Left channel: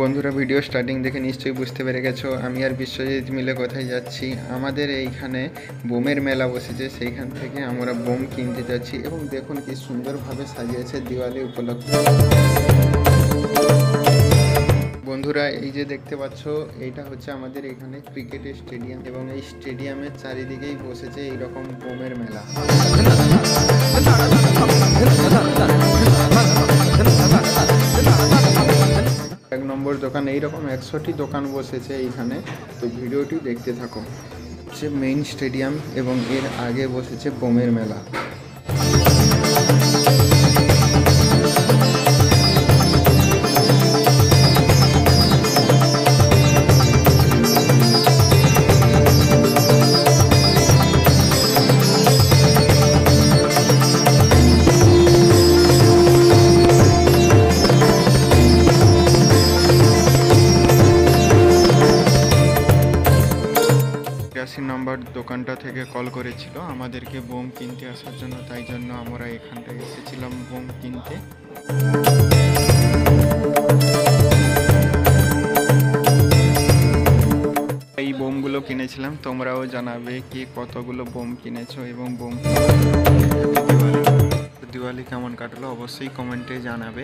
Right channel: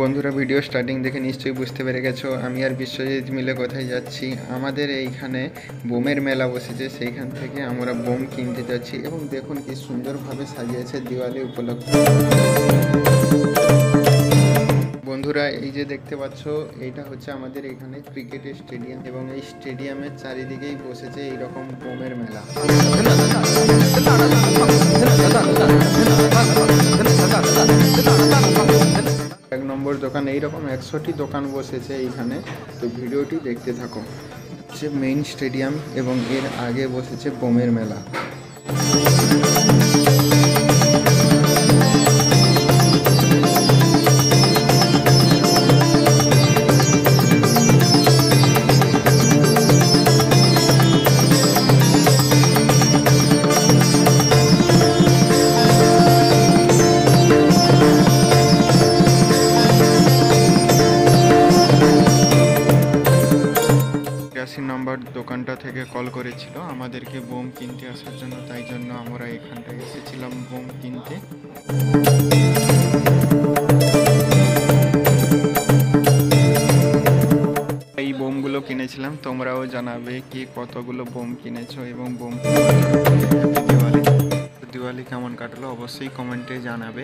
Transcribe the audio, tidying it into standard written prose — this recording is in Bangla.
বন্ধুরা, ভিডিও স্টার্টিং দেখে নিশ্চয়ই বুঝতে পেরে গেছো আমি আর বিশ্বজিৎ মিলে কোথায় যাচ্ছি। আমাদের এইখানে বোমের মেলা বসেছে, সেইখান থেকে আমরা বোম কিনতে যাচ্ছি এবং দেখুন কি সুন্দরভাবে সাজিয়েছে দিওয়ালি উপলক্ষে। বন্ধুরা, এই যে দেখতে পাচ্ছ, এইটা হচ্ছে আমাদের এখানে ক্রিকেটের স্টেডিয়াম এবং এই স্টেডিয়ামের চারিদিকেই বসেছে এইরকম বোমের মেলা। এক নম্বর দোকান, এইরকম 100টি দোকান বসেছে এইখানে। তো ভিডিওটি দেখতে থাকো। হচ্ছে মেইন স্টেডিয়াম এবং এর আগে বসেছে বোমের মেলা। নম্বর দোকানটা থেকে কল করেছিল আমাদেরকে বোম কিনতে আসার জন্য, তাই জন্য আমরা এখানটায় এসেছিলাম বোম কিনতে। এই বোমগুলো কিনেছিলাম, তোমরাও জানাবে কি কতগুলো বোম কিনেছো এবং বোম হ্যাপি দিওয়ালি। দিওয়ালি কেমন কাটলো অবশ্যই কমেন্টে জানাবে।